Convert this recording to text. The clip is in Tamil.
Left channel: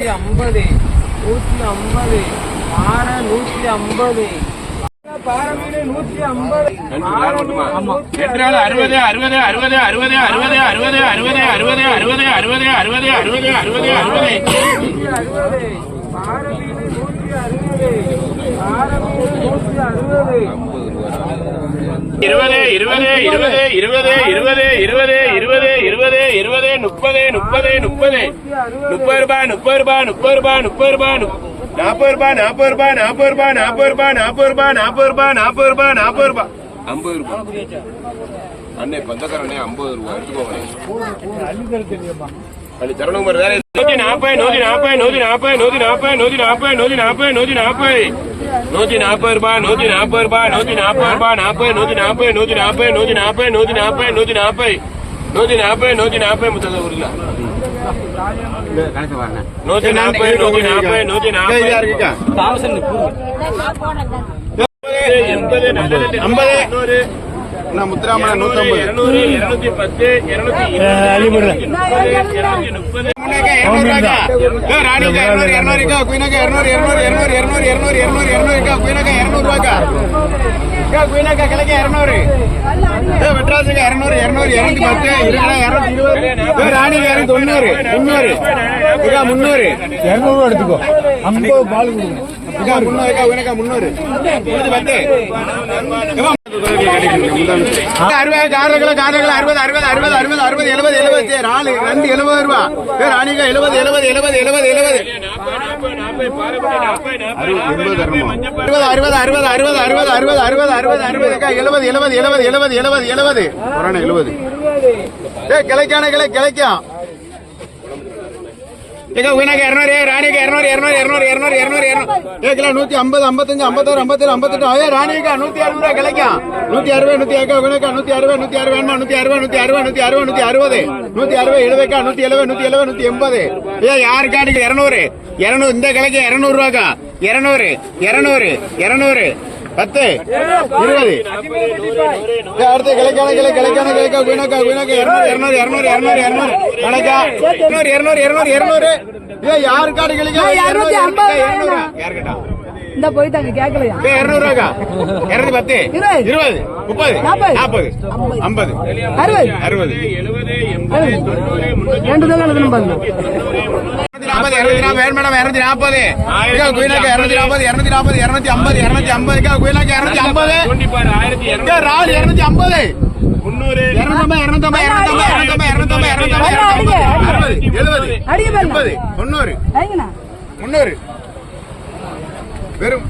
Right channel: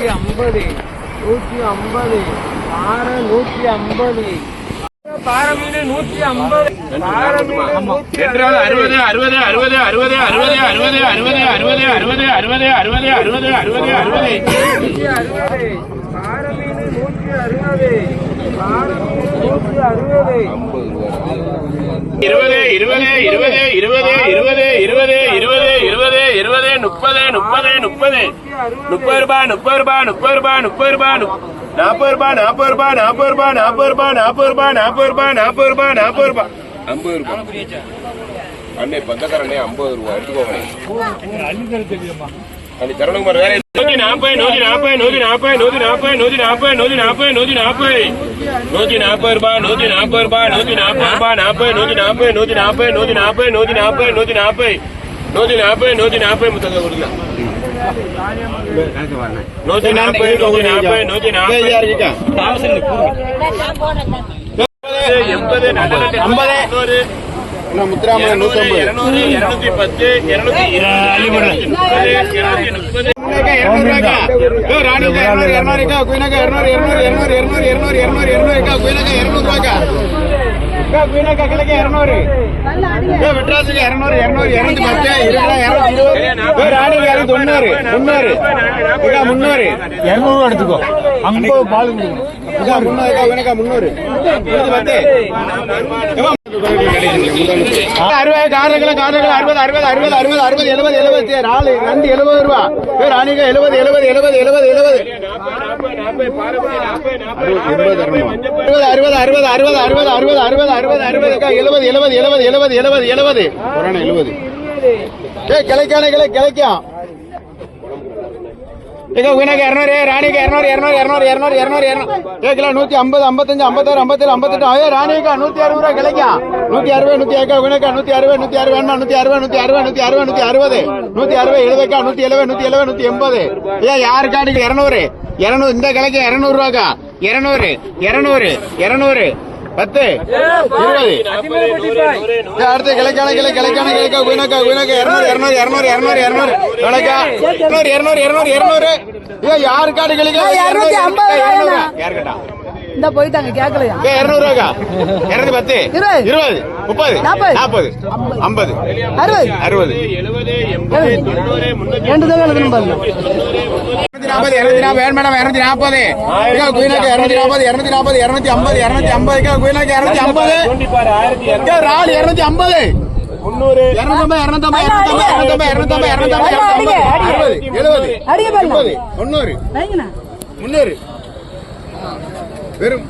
நூற்றி ஐம்பது நூற்றி ஐம்பது பாறை நூற்றி ஐம்பது பாறை மீன் நூற்றி ஐம்பது அறுபது அறுபது அறுபது அறுபது அறுபது அறுபது அறுபது அறுபது அறுபது அறுபது அறுபது அறுபது அறுபது அறுபது நூற்றி அறுபது பாறை மீன் நூற்றி அறுபது பாறை மீன் நூற்றி அறுபது இருபது இருபது இருபது இருபது இருபது இருபது இருபது இருபது முப்பது முப்பது முப்பது முப்பது ரூபாய் முப்பது ரூபாய் முப்பது ரூபாய் முப்பது ரூபாய் நாற்பது ரூபாய் நாற்பது ரூபாய் நாற்பது ரூபாய் நாற்பது ரூபாய் நாற்பது ரூபாய் நாற்பது ரூபாய் நாற்பது ரூபாய் நாற்பது ரூபாய் ஐம்பது ரூபாய் அண்ணே பந்தக்காரண்ணே ஐம்பது ரூபாய் எடுத்துக்கோங்க அது தரணும் வேற நூத்தி நாற்பது நூத்தி நாற்பது நூத்தி நாற்பது நூத்தி நாற்பது நூத்தி நாற்பது நூத்தி நாற்பது நூத்தி நாற்பது நூத்தி நாற்பது ரூபாய் நூத்தி நாற்பது ரூபாய் நூத்தி நாற்பது ரூபாய் நாற்பது நூத்தி நாற்பது நூத்தி நாற்பது நூத்தி நாற்பது நூத்தி நாற்பது நூத்தி நாற்பது நூத்தி நாற்பது நூத்தி நாற்பது முத்தங்க கொடுங்க நூத்தி நாற்பது நூத்தி நாற்பது நூத்தி நாற்பது எண்பது ஐம்பது இன்னும் முத்துராமலை நூற்றம்பது இருநூத்தி பத்து இருநூத்தி ராணிக்கா இருநூறு இருநூறு இருக்கா? குயினாக்கா இருநூறு இருநூறு இருநூறு இருநூறு இருநூறு இருநூறு இருநூறு இருக்கா? குயினாக்கா இருநூறுவாக்கா அக்கா குயினாக்கா கிழக்க இருநூறு. மெட்ராஸுக்கு இருநூறு இருநூறு இருநூத்தி பத்து இருநூத்தி இருபது ராணிக்கு இருநூத்தி தொண்ணூறு முன்னூறு இதா முன்னூறு இருநூறு எடுத்துக்கோ. ஐம்பது பால் முன்னூறு அறுபது காரங்களை காரங்களை அறுபது அறுபது அறுபது அறுபது அறுபது எழுபது எழுபது நாலு ரெண்டு எழுபது ரூபா பேர் அணிக எழுபது எழுபது எழுபது எழுபது எழுபது அறுபது அறுபது அறுபது அறுபது அறுபது அறுபது அறுபது அறுபது எழுபது எழுபது எழுபது எழுபது எழுபது எழுபது எழுபது ஏ கிளைக்கான கிளை கிளைக்கா ஏங்க உனக்கு இரநூறு ராணிக்கு இரநூறு இரநூறு இரநூறு இரநூறு இரநூறு இரநூறு. ஏ கிலோ நூத்தி ஐம்பது ஐம்பத்தஞ்சு ஐம்பத்தாறு ஐம்பத்தேழு ஐம்பத்தெட்டு. ஏ ராணிக்கா நூத்தி அறுபது ரூபா கிளைக்கா? நூத்தி அறுபது நூத்தி ஏக்கா உனக்கா நூத்தி அறுபது நூத்தி அறுபது என்ன நூத்தி அறுபது நூத்தி அறுபது நூத்தி அறுபது நூத்தி அறுபது. நூத்தி அறுபது எழுபதுக்கா நூத்தி எழுபது நூத்தி எழுபது நூத்தி எண்பது. ஏ யாருக்கா நீங்க இரநூறு? இரநூறு இந்த கிளைக்கு இரநூறு ரூபாக்கா? இரநூறு இரநூறு இரநூறு. பத்து இருபது அடுத்து கிளைக்கான கிளை கிளைக்கான கிளைக்கா குயினக்கா குயினக்கா இரநூறு இரநூறு இரநூறு இரநூறு இரநூறு கிளைக்கா இரநூறு இரநூறு இரநூறு இரநூறு ஏ இரநூறு இரநூறு யாருக்கட்டா இந்த போயிட்டாங்க கேட்கலையா இரநூறு ரூபாக்கா இரநூறு பத்து இருபது. இருபது முப்பது நாற்பது. ஐம்பது அறுபது அறுபது எழுபது எண்பது ரெண்டு தடவை எழுதணும் நாற்பது இருநூத்தி நாற்பது வேணும் மேடம் இரநூத்தி நாற்பது குயிலுக்கு இரநூத்தி நாற்பது இரநூத்தி நாற்பது இரநூத்தி ஐம்பது இரநூத்தி ஐம்பது. குயிலுக்கு இரநூத்தி ஐம்பது. பாரு ஆயிரத்தி ஏ, ராலு இரநூத்தி ஐம்பது. முன்னூறு இரநூத்தம்பது இரநூத்தம்பது இரநூத்தம்பது இரநூத்தம்பது இரநூத்தம்பது அடிங்க, அடிங்க. அறுபது எழுபது அடிங்க பாருங்க. எண்பது தொண்ணூறு வைங்கண்ணா முன்னூறு வெறும்